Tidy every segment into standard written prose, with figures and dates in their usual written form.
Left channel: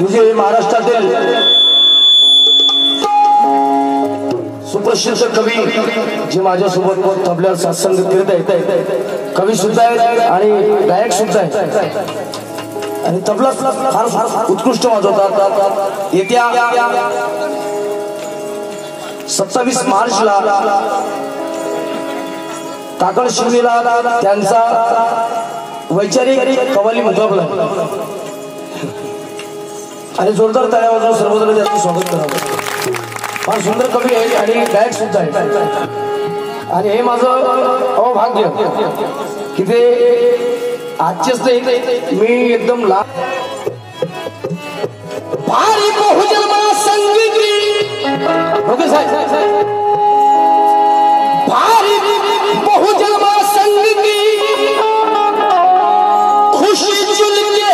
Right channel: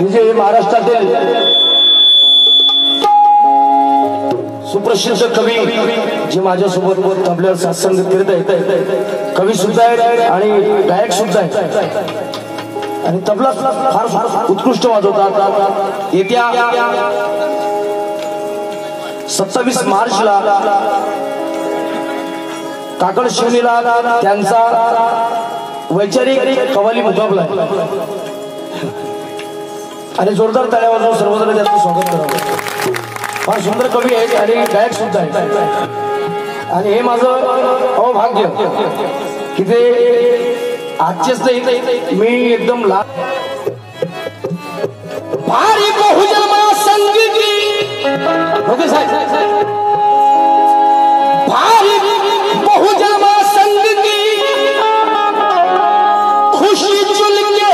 म्हणजे महाराष्ट्रातील सुप्रसिद्ध कवी जे माझ्यासोबत तबल्यावर सात्संग करत आहेत, कवी सुद्धा आहेत आणि गायक सुद्धा आहेत आणि तबला फार उत्कृष्ट वाजवतात. येत्या 27 मार्चला काकड शिवणीला त्यांचा वैचारिक कव्वाली मुकाबला आणि जोरदार ताळ्यावर सर्वजण त्यांचं स्वागत करावं. फार सुंदर कवी आहेत आणि गायक सुद्धा आहेत आणि हे माझं अभाग्य की ते आजचेच नाही, मी एकदम भारी बहुजन्मा संगीती ओके साहेब, भारी बहुजन्मा संगीती खुशी चुन के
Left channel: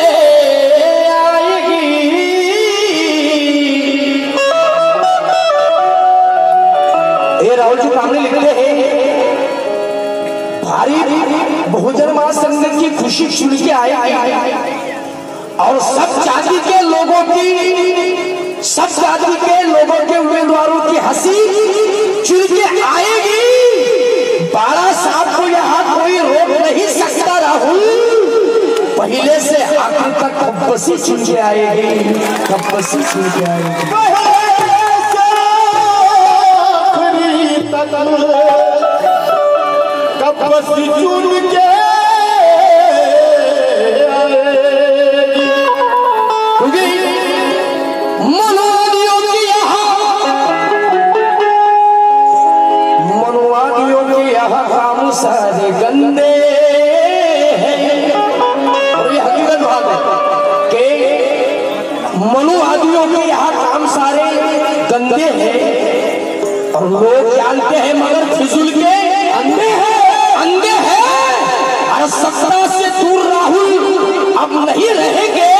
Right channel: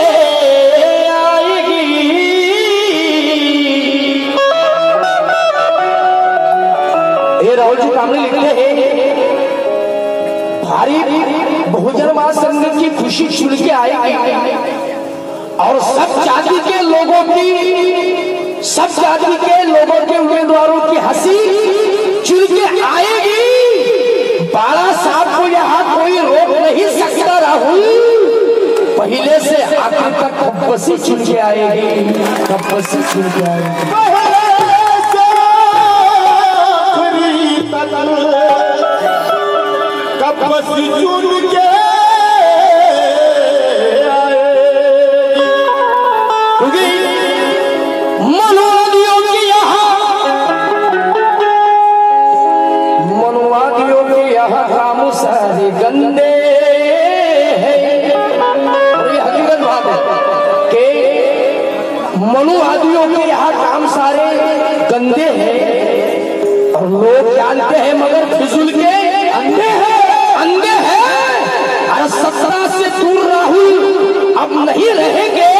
आएगी. ये राहुल जी कामले लिखते हैं, भारी बहुजन्मा संघ की खुशी चुन के आएगी और सब जाति के लोगों की, सब जाति के लोगों के उम्मीदवारों की हंसी चुन के आएगी. बाला साहब को यहाँ कोई रोक नहीं सकता राहुल, पहले से आखिर तक कब्बसी चुन के आएगी, कब्बसी चुन के आएगी. कब्बसी चुन के मनुवादियों की यहाँ काम सारे गंदे हैं. और ये हकीकत बात है कि मनुवादियों के यहाँ काम सारे गंदे हैं और लोग जानते हैं मगर फिजूल के अंधे हैं, अंधे हैं. और सत्ता से दूर राहुल अब नहीं रहेंगे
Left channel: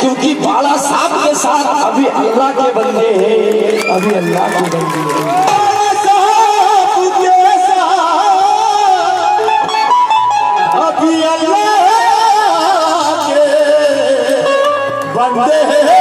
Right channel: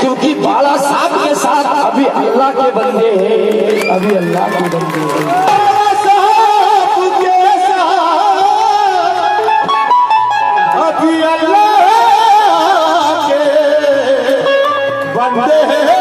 क्योंकि बाला साहब के साथ अभी अल्लाह के बंदे हैं, अभी अल्लाह के बंदे हैं। अभी अल्लाह के बंदे हैं।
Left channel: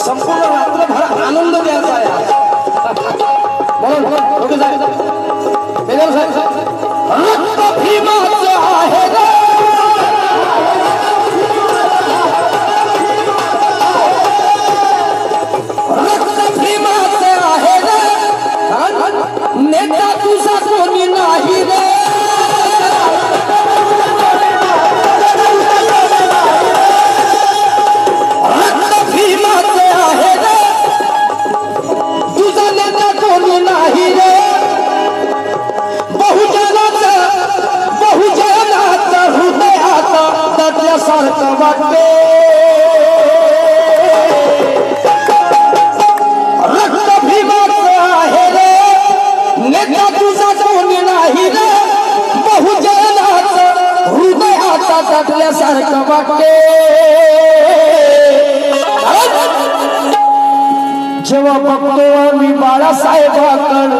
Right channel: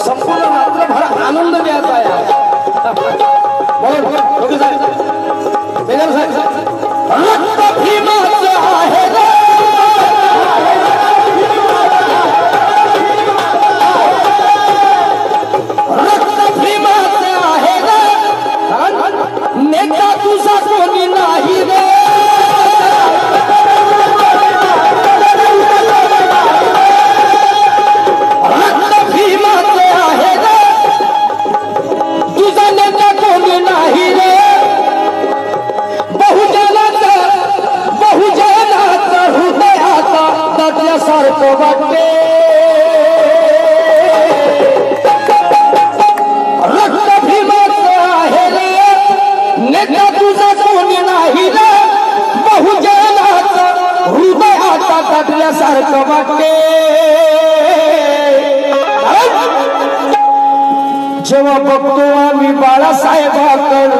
संपूर्ण रात्रभर आनंद द्यायचा आहे। रक्त भीमाचं आहे रे, रक्त भीमाचं आहे रे, नेता तुझा कोणी नाही रे, सारखं वाटते रक्त भीमाचं आहे रे, नेता तुझा कोणी नाही रे, बहुजनाचं हृदयाचा टाकल्यासारखं वाटते। जेव्हा बघतो आम्ही बाळासाहेबांकडे,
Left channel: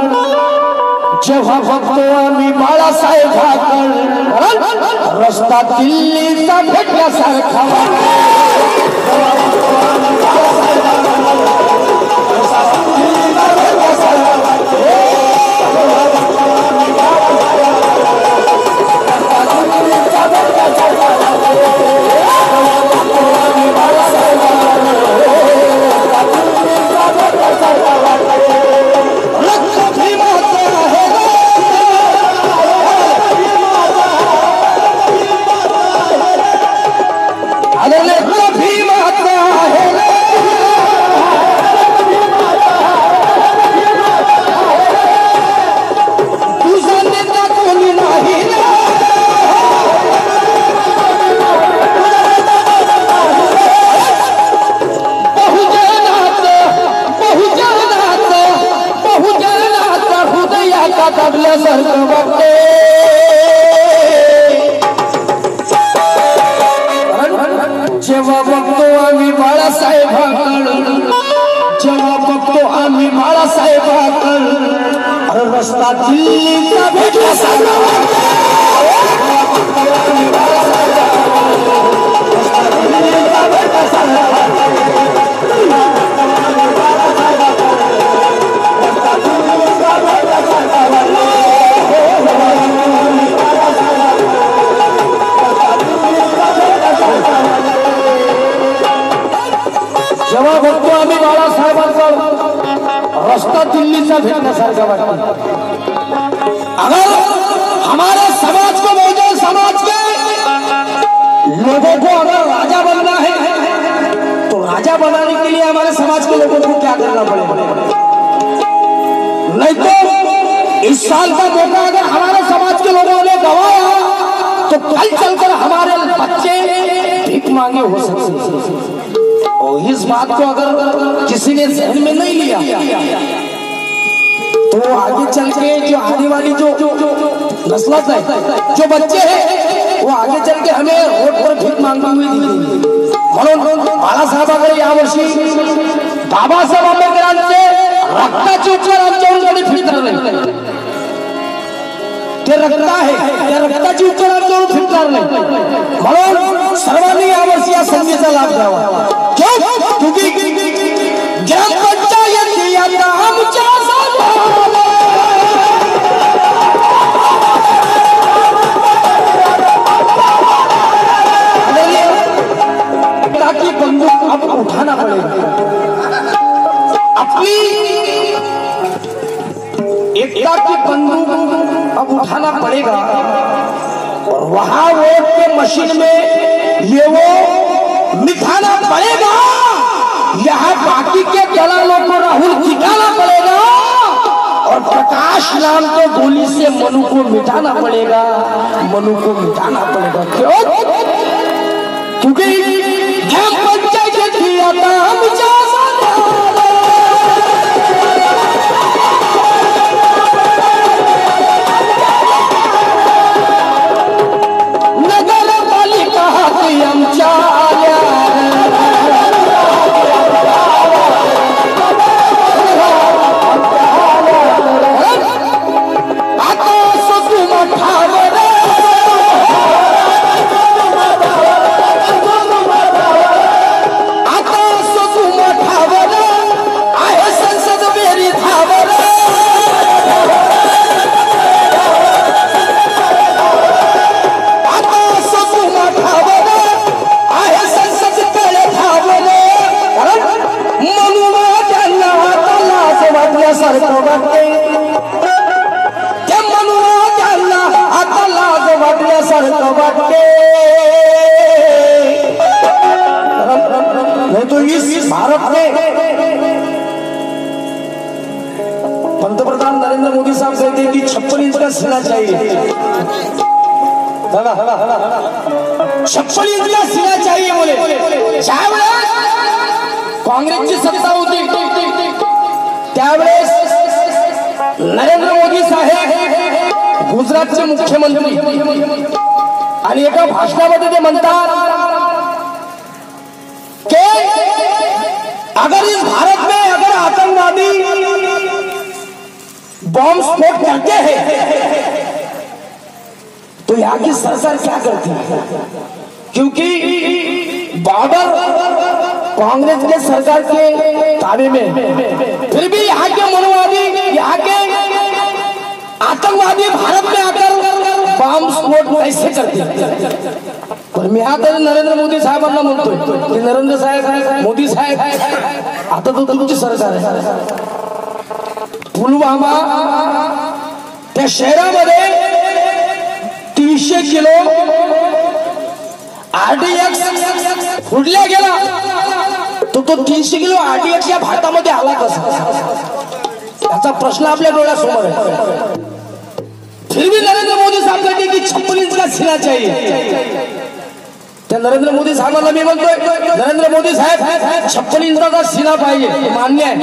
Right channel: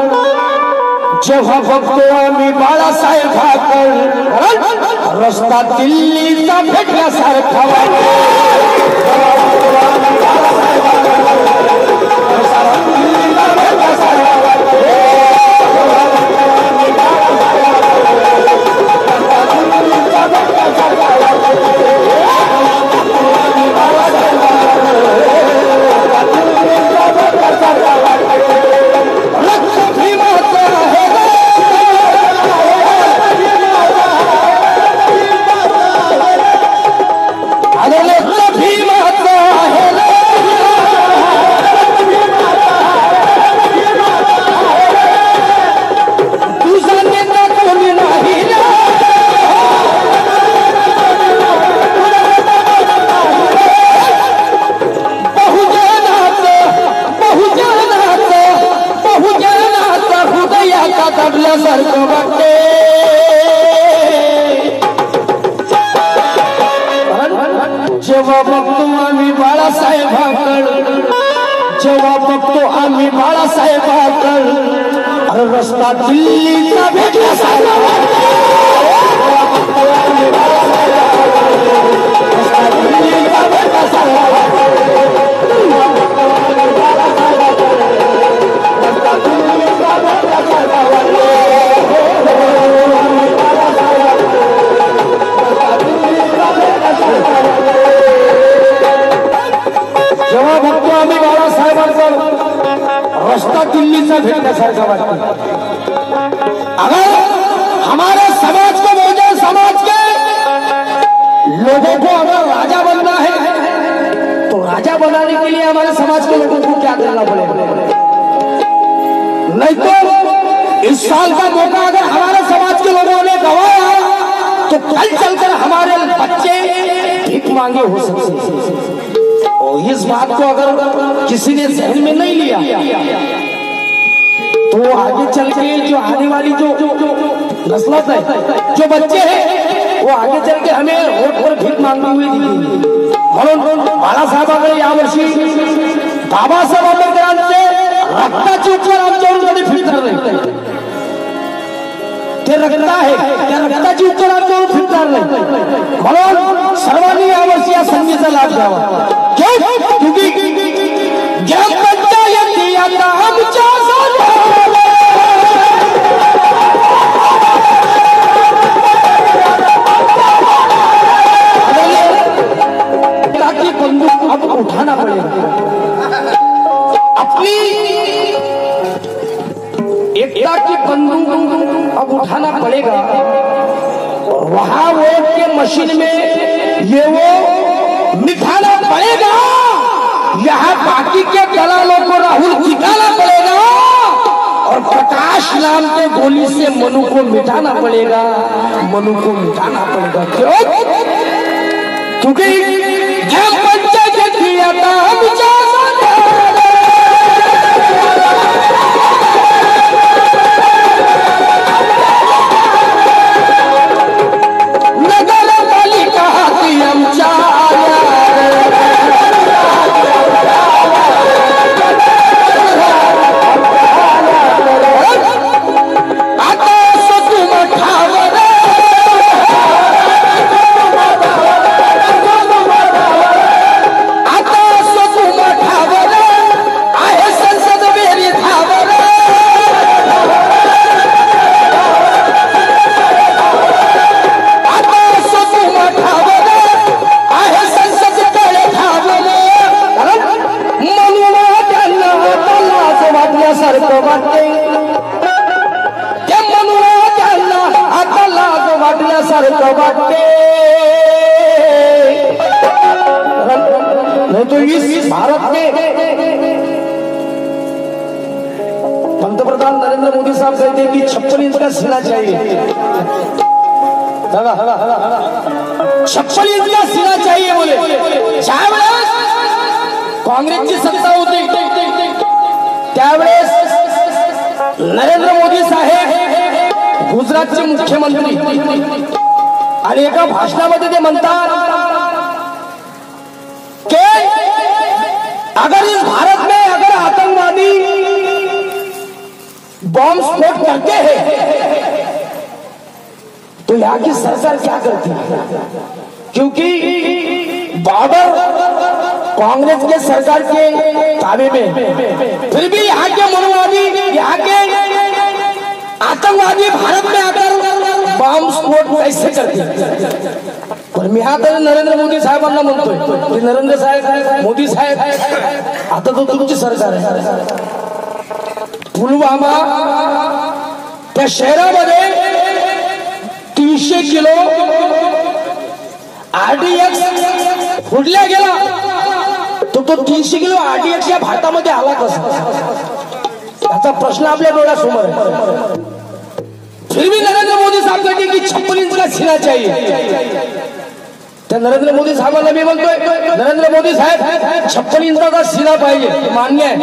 जेव्हा बघतो आम्ही बाळासाहेबांकडे, रस्ता दिल्लीचा भेटल्यासारखा जेव्हा बघतो आम्ही बाळासाहेबांकडे, जेव्हा बघतो आम्ही बाळासाहेबांकडे, रस्ता दिल्लीचा भेटल्यासारखा वाटतो, रस्ता दिल्लीचा भेटल्यासारखा वाटतो। जेव्हा बघतो आम्ही बाळासाहेबांचा रस्ता दिल्लीचा भेटण्यासारखा वाटतो। अगर हमारे समाज को, बहुजन समाज के लोगों को अगर राजा बनना है तो राजा बनाने के लिए हमारे समाज के लोगों को क्या करना पड़ेगा? नहीं तो इस साल का मौका अगर हमारे समाज के लोगों ने गवाया तो कल चलकर हमारे बच्चे भीख मांगे हो सकते हैं। और इस बात को अगर किसी ने जहन में नहीं लिया तो आगे चल के जो आने वाली जो नस्ल है, जो बच्चे हैं, वो आगे चल के हमें रोड पर भीख मांगते हुए दिखेंगे। म्हणून बाळासाहेबांकडे यावर्षी बाबासाहेब आंबेडकरांचे रक्ताचे उपचार आमच्यावरून कधी फिरणार नाही. ते रक्त आहे, त्या रक्ताची उपचार आमच्यावरून फिरणार नाही. म्हणून सर्वांनी यावर्षी या संधीचा लाभ घ्यावा. ग्रामपंचायती आता आमच्या बंदूक अब उठाना पड़ेगा. अपनी एकता की बंदूक अब उठाना पड़ेगा. और वहां वोट के मशीन में ये वो मिठाना पड़ेगा. यहाँ बाकी के दलालों को राहुल जिताना पड़ेगा. और प्रकाश नाम के गोली से मनु को मिटाना पड़ेगा. मनु को मिटाना पड़ेगा. क्यों? क्योंकि पंचायत की आता हम नगर पालिका की हम नहीं तो इस भारत में पंतप्रधान नरेंद्र मोदी साहब कहते हैं कि 56 इंच का सीना चाहिए. 56 इंच का सीना चाहिए बोले. ज्यावेळेस काँग्रेसची सत्ता होती त्यावेळेस नरेंद्र मोदी साहेब गुजरातचे मुख्यमंत्री आणि एका भाषणामध्ये ते म्हणतात कि अगर इस भारत में अगर आतंकवादी बॉम्ब स्फोट करते हैं तो यहाँ की सरकार क्या करती है? क्योंकि बॉर्डर कांग्रेस के सरकार के ताबे में, फिर भी यहाँ के मनोवादी यहाँ के आतंकवादी भारत में आकर बॉम्ब स्फोट कैसे करते हैं? पण मी आता नरेंद्र मोदी साहेबांना म्हणतोय की नरेंद्र साहेब मोदी साहेब आता तो तुमची सरकार आहे. पुलवामा त्या शहरामध्ये 300 किलो आरडीएक्स फुडल्या गेला. तो 300 किलो आरडीएक्स या भातामध्ये आला कसा? याचा प्रश्न आपल्या डोळ्यासमोर आहे. फिर भी नरेंद्र मोदी साहब कहते कि 56 इंच का सीना चाहिए. त्या नरेंद्र मोदी साहेबांना मी म्हणतोय नरेंद्र मोदी साहेब 56 इंचाचा सीना पाहिजे, मान्य आहे.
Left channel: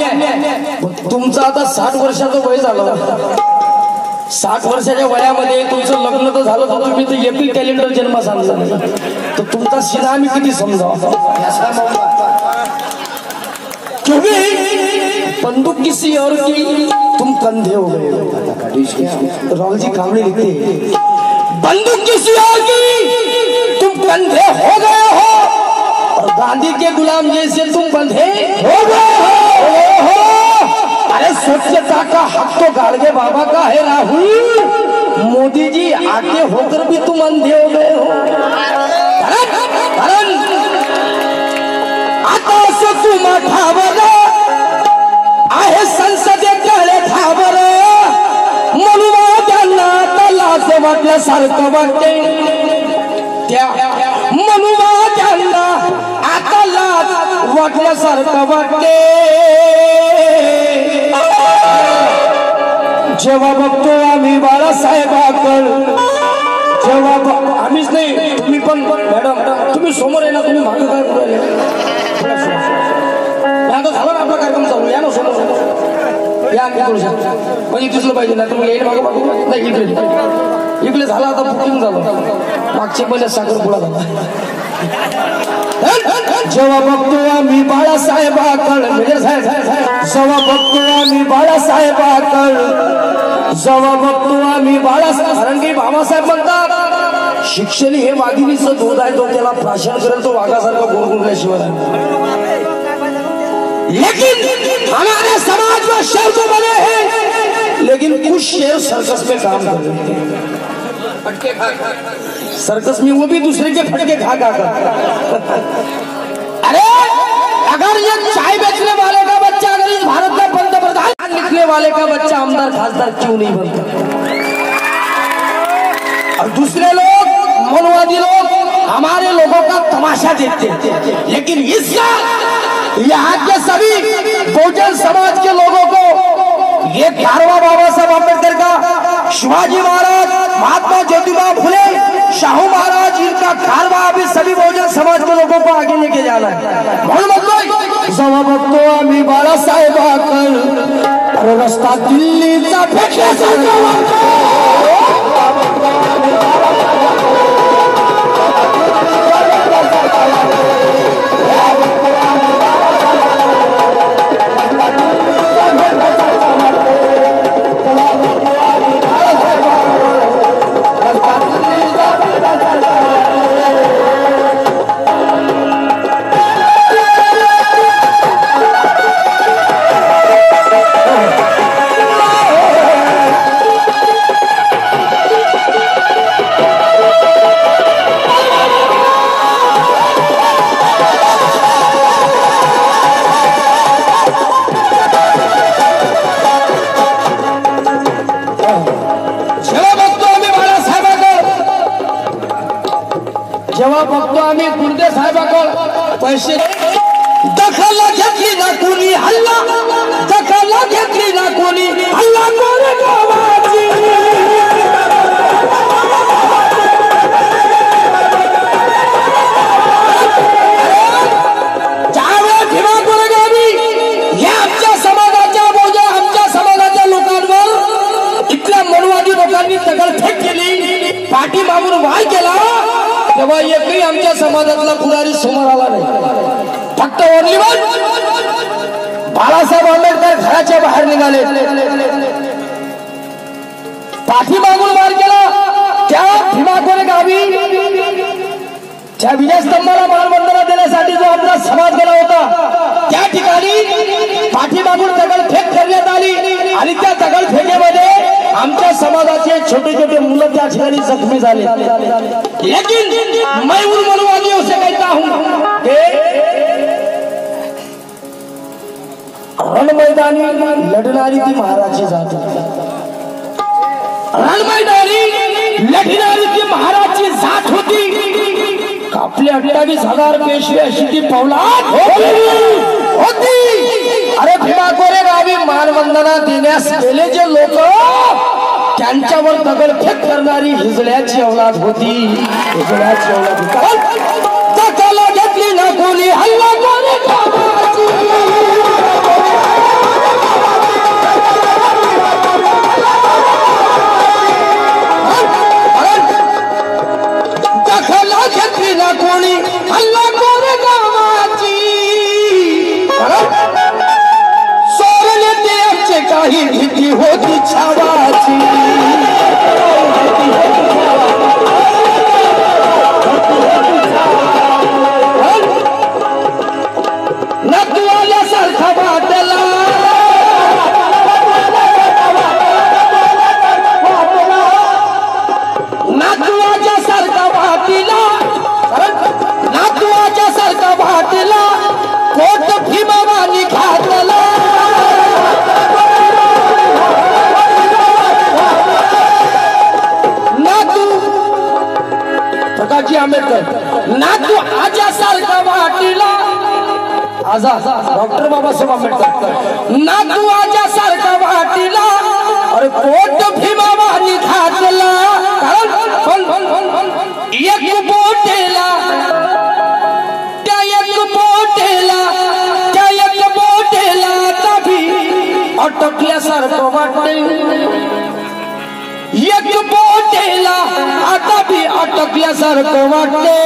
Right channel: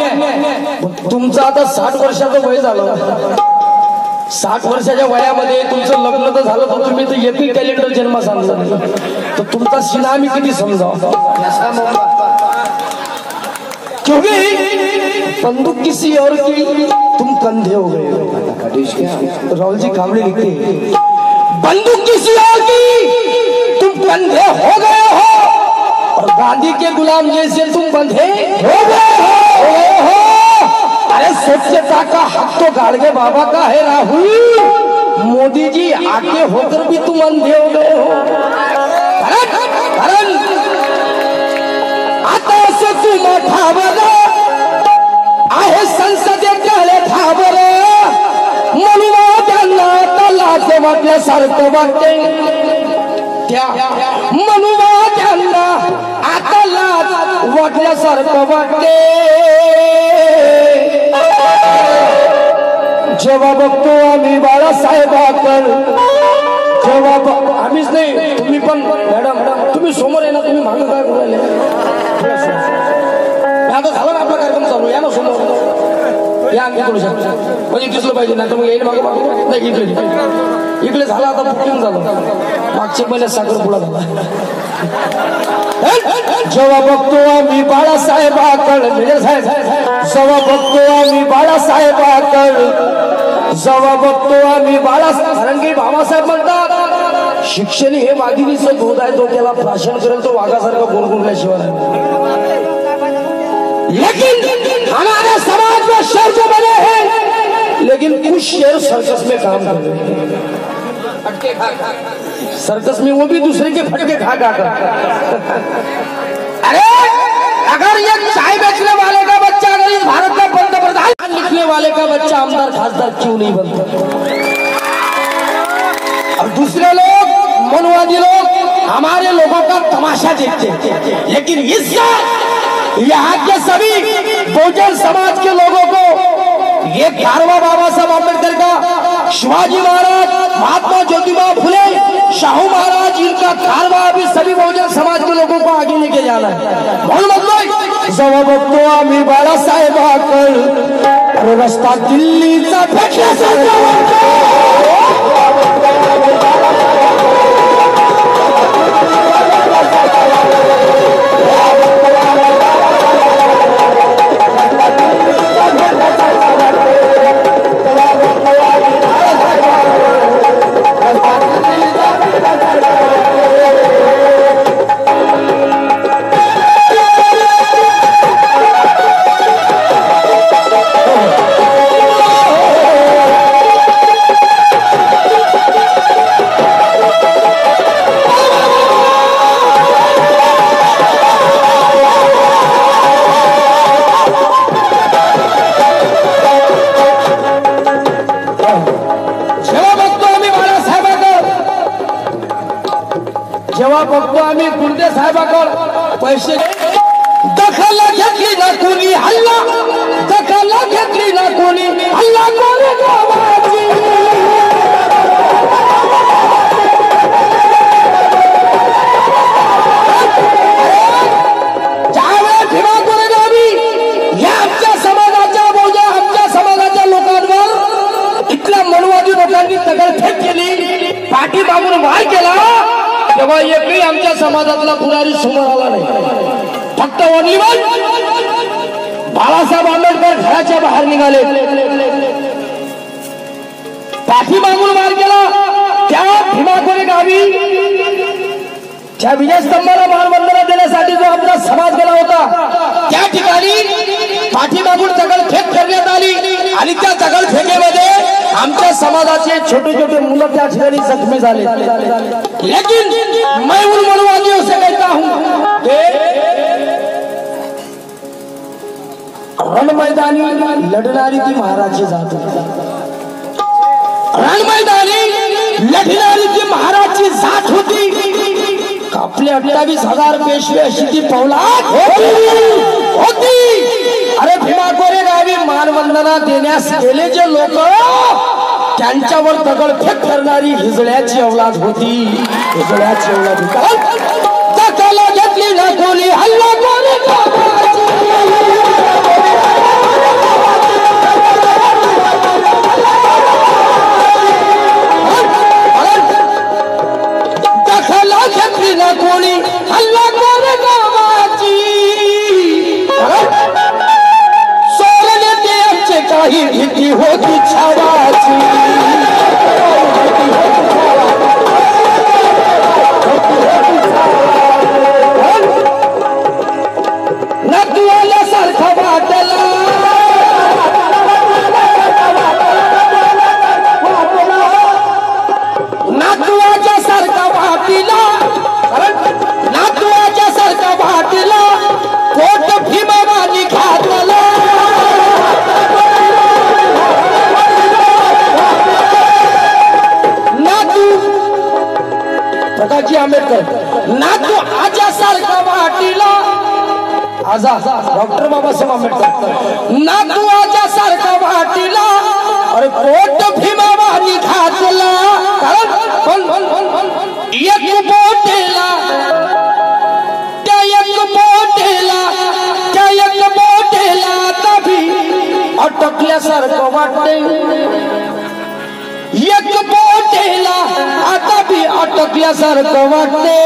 तुमचं आता 60 वर्षाचं वय झालं. 60 वर्षाच्या वयामध्ये तुमचं लग्न तर झालं तर तुम्ही तर एपी कॅलेंडर जन्म सांगला तर तुमचा सीना आम्ही किती समजावा. क्योंकि बंदूक किसी और की तुम कंधे हो गए. राहुल जी कांबळे लिखते बंदूक किसी और की तुम कंधे हो गए हो और गांधी के गुलाम जैसे तुम बंधे हो गए हो. अरे स्वच्छता का हक तो गाड़गे बाबा का है राहुल. मोदी जी आगे होकर भी तुम अंधे हो गए हो. आता तुम ठावर आहे संसदेकडे ठावर म्हणून त्यांना आता लाज वाटल्यासारखं वाटते. त्या म्हणून त्यांना आता लाज वाटल्यासारखं वाटते. जेव्हा बघतो आम्ही बाळासाहेबांकर जेव्हा आम्हीच नाही तुम्ही पण मॅडम तुम्ही समोर आहे ना. तुम्ही मागे काय करू राहिले? आता झाला ना आपला कार्यक्रम चालू. या ना समोर या करू शकतो म्हणजे दिसलं पाहिजे ना. तर मग येईल मागं मागू नाही. इकडे झालं आता बुकिंग झालं. मागच्या पहिल्या साखरपुडा झाला. जेव्हा बघतो आम्ही बाळासाहेबाकडे मिळेल साहेब, जेव्हा बघतो आम्ही बाळासाहेबाकडे, जेव्हा बघतो आम्ही बाळासाहेब, रंगी बाबासाहेब म्हणतात शिक्षण हे वाघिणीचं दूध आहे, तो त्याला प्राशन करेल तो वाघासारखा गोरगुरल्याशिवाय. लेकिन हमारे समाज में शेर जो बने हैं, लेकिन कुछ शेर सर्कस में काम कर रहे हैं, सर्कस में वो भी दूसरे के फटके खा खा कर. अरे अगर ये चाय बेचने वाले का बच्चा अगर इस भारत का पंतप्रधान, लिखने वाले का बच्चा आमदार खासदार क्यों नहीं बनता? और दूसरे लोग मनवादी लोग हमारे लोगों का तमाशा देखते हैं, लेकिन इस यहाँ के सभी बहुजन समाज के लोगों को ये 11वां बाबा साहब अम्बेडकर का, शिवाजी महाराज, महात्मा ज्योतिबा फुले, शाहू महाराज, इनका कारवा अभी सभी बहुजन समाज के लोगों को आगे लेके जाना है. जेव्हा बघतो आम्ही बाळासाहेबाकडे, रस्ता दिल्लीचा जेव्हा बघतो आम्ही गुंडे साहेबाकडे पैसे, दखल घेतली ना कोणी हल्ला, दखल घेतली ना कोणी हल्ला, कोणी गावाची ज्यावेळेस भीमा कोरेगावी या आमच्या समाजाच्या बहुजन आमच्या समाजाच्या लोकांवर इथल्या मनवादी लोकांनी दगडफेक केली, पाठीमागून वार केला, तेव्हा एकही आमच्या समाजातला पुजारी समोर आला नाही. फक्त ओरलीवर बाळासाहेब आंबेडकर घराच्या बाहेर निघाले, पाठीमागून वार केला. त्या भीमा कोरेगावी त्या विजयस्तंभाला मानवंदना देण्यासाठी जो आपला समाज गेला होता, त्या ठिकाणी पाठीमागून दगडफेक करण्यात आली आणि त्या दगडफेकीमध्ये आमच्या समाजाचे छोटे छोटे मुलं त्या ठिकाणी जखमी झाले. लेकिन मैं उन मनवादियों से कहता हूं कि रण मैदानी लढणारी ती महाराजची जात होती, रण मैदानी लढणारी ती महाराजची जात होती. आपले 28,000 पेशवे अशी ती पौलाद होती. अरे भीमा कोरेगावी मानवंदना देण्यास गेले जे लोक, त्यांच्यावर दगडफेक करणारी हिजड्याची औलाद होती, हिजड्याची औलाद होती. दखल घेतली ना कोणी हल्ला कोणी दखल घेतली ना कोणी हल्ला कोणी गावाची, सोडले त्याचे काही भीती होती छावाची. नदवाल्यासारखा वाटला, नातवाच्या सारखा वाटीला, नातवाच्या सारखा वाटीला पोट भीमावानी घातला. नातू प्रकाशजी आंबेडकर, नातू आज्यासारखा वाटीला, आजा डॉक्टर बाबासाहेब आंबेडकर, नातू आज्यासारखा वाटीला, अरे पोट भीमावानी घातला. एक बोटेला त्या एक बोटेला त्या एक बोटेला कभी अटकल्यासारखं वाटते, एक बोटेला आता भी अटकल्यासारखं वाटते.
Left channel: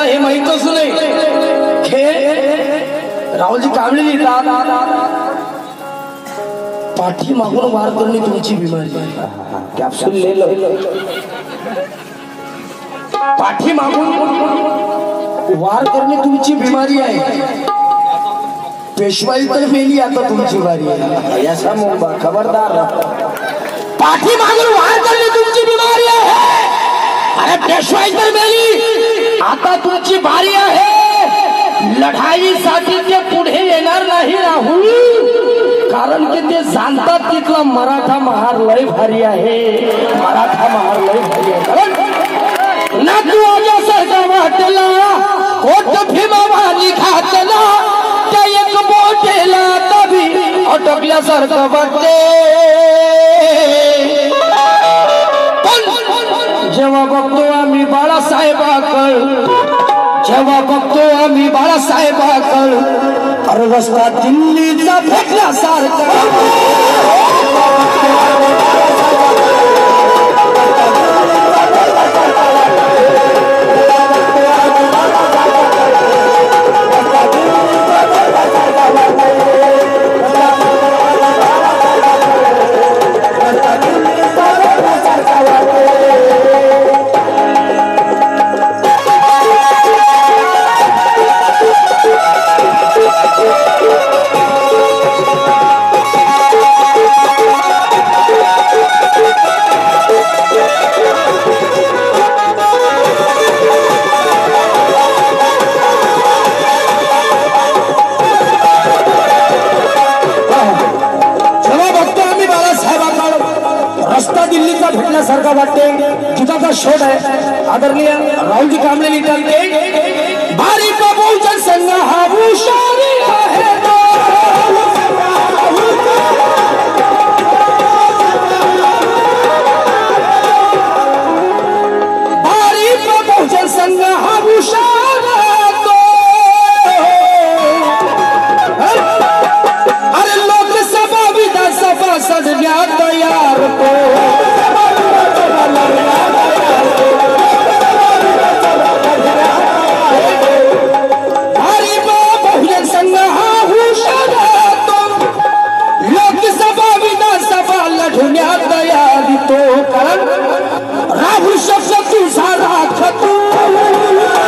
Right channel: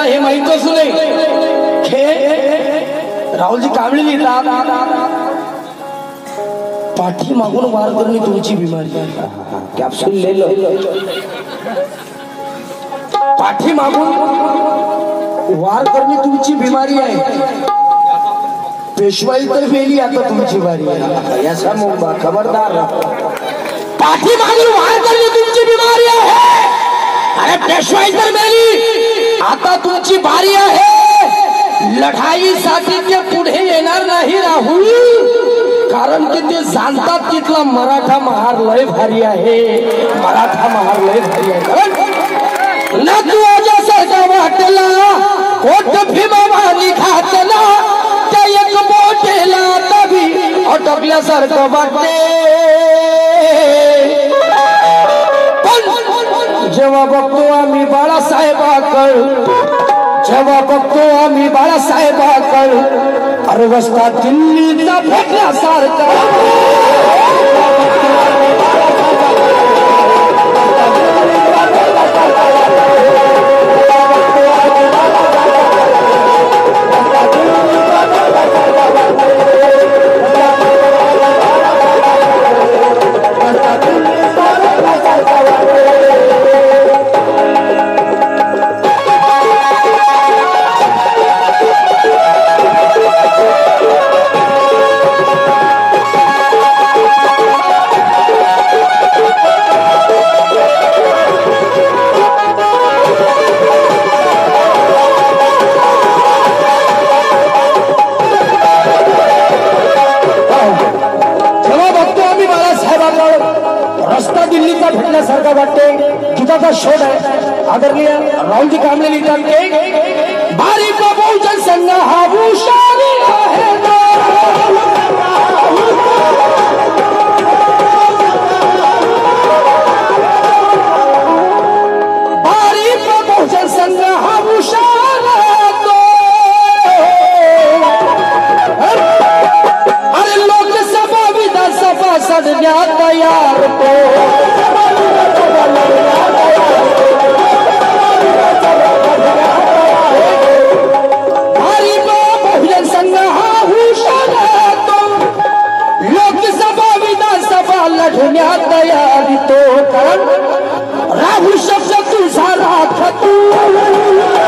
मला हे माहीतच नाही हे राहुलजी कांबळे लिहितात पाठी मागून वार करणे तुमची बिमारी कॅप्सूल लिहिलं पाठी मागून वार करणे तुमची बिमारी आहे पेशवाई तर मेली आता तुमची बारी आहे याचा मोबा खबरदार पाठी मागून वार करणे तुमची बिमारी आहे पेशवाई तर मेली आता तुमची बारी आहे लढाईसाठी ते पुढे येणार नाही राहुल कारण की ते जाणतात तिथला मराठा महार लय भारी आहे मराठा महार लय भारी आहे ना तू आजासारखा वाटला होत भीमावाली घातला त्या एक मोठेला तभी अटकल्यासारखं वाटते पण जेव्हा बघतो आम्ही बाळासाहेबाकडं जेव्हा बघतो आम्ही बाळासाहेबाकडं अरे रस्ता दिल्लीचा भेटल्यासारखा सारखा वाटते गीताचा शोध आहे आदरणीय राहुलजी कांबळे लिहितात भारी बहुजन संघ हा हुशारी आहे भारी बहुजन संघ हा हुशार अरे लोकसभा विधानसभा सदण्यात तयार तो तो कारण राहू शब्द तुझा राख तू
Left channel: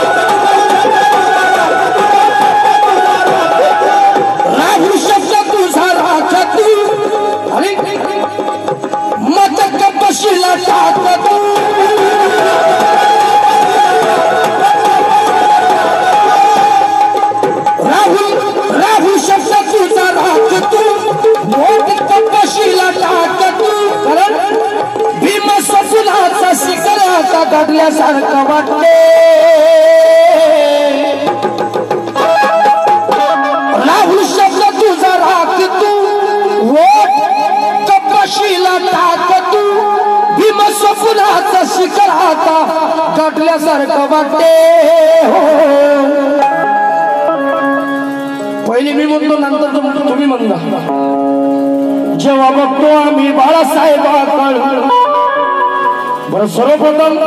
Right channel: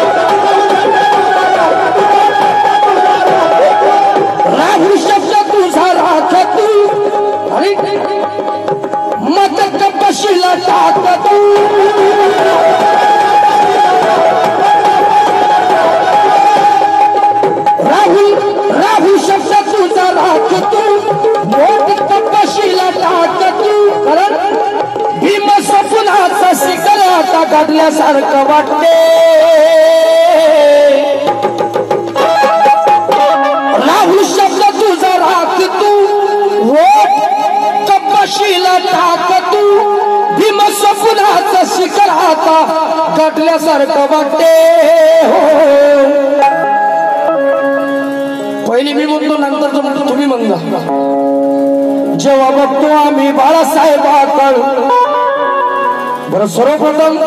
राहू शब्द तुझा राख तू आणि मत कपशीला टाक तू राहू शब्द तुझा राख तू मत कपशीला टाक तू कारण भीम सपनाचा शिखर आता घडल्यासारखं वाटते राहुल शब्द तुझा राख तू वोट कपाशीला टाक तू भीम सपनाचा शिखर आता घडल्यासारखं वाटते पहिली मी म्हणतो नंतर म्हणतो तुम्ही म्हणता जेव्हा बघतो आम्ही बाळासाहेबाकडं बरं सर्वप्रथम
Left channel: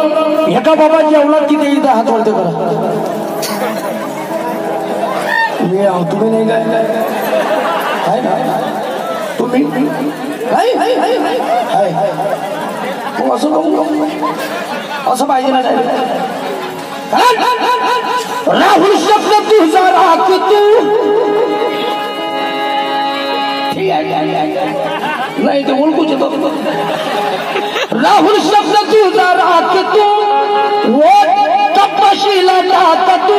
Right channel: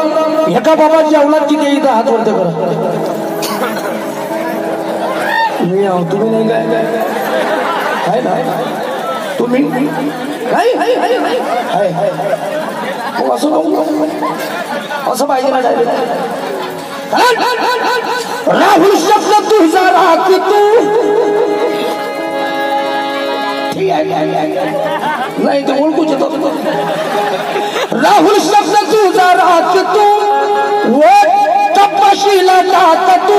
एका बाबा जेवणात किती इथं हात वरते बरं मी आहो तुम्ही नाही काय ना तुम्ही असं पाहिजे ना राहुल शब्द तुझा राख तू ठीक आहे नाही ते ओळखूच येतो राहुल शब्द तुझा राख तू कपाशीला टाक तू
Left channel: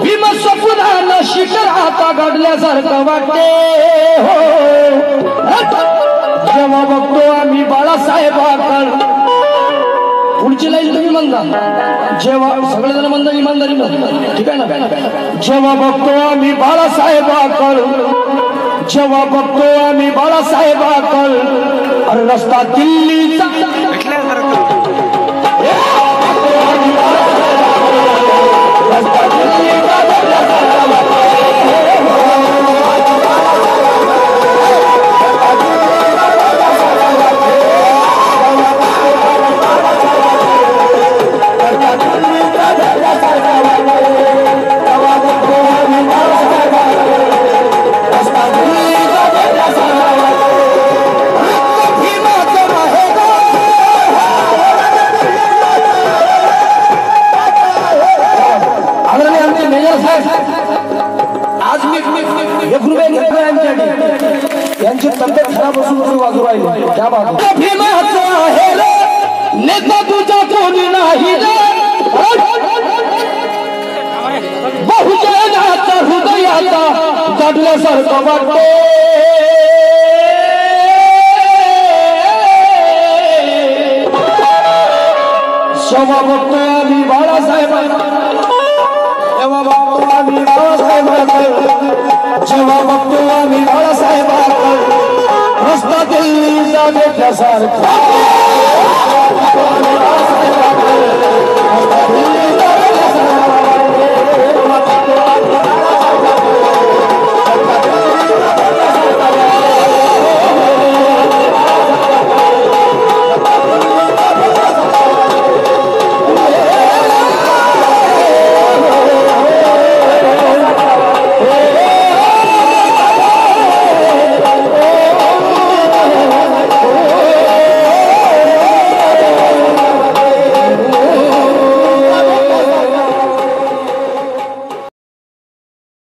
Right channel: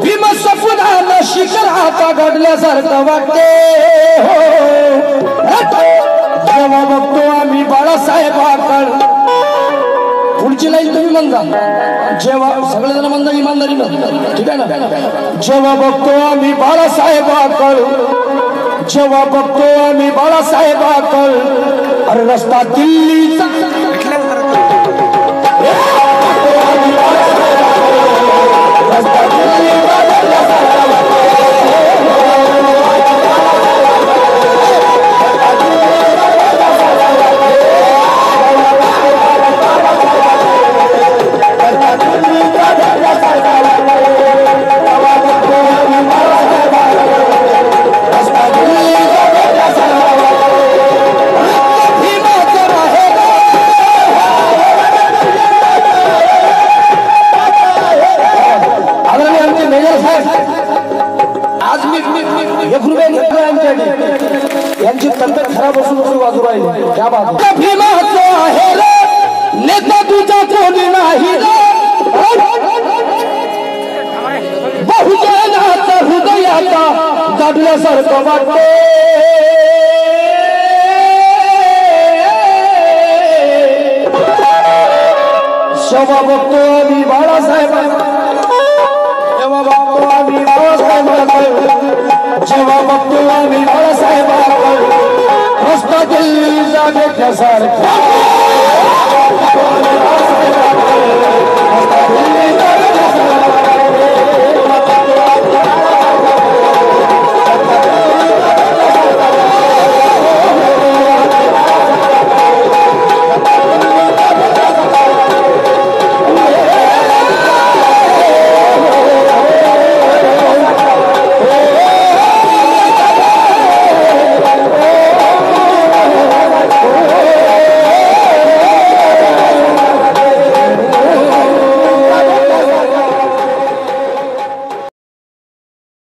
भीम सपुनाला शिखर आता घडल्यासारखं वाटते जेव्हा बघतो आम्ही बाळासाहेबाकडं पुढची लाईन तुम्ही म्हणता जेव्हा सगळेजण म्हणतात इमानदारी म्हणतात ठीक आहे ना जेव्हा बघतो आम्ही बाळासाहेबाकडं जेव्हा बघतो आम्ही बाळासाहेबाकडं अरे रस्ता दिल्लीचा दिल्यासारखं वाटते जेव्हा बघतो आम्ही बाळासाहेबांना जेव्हा बघतो आम्ही बाळासाहेबांना जेव्हा बघतो आम्ही बाळासाहेबांना रस्त्यातील जागेच्यासारखा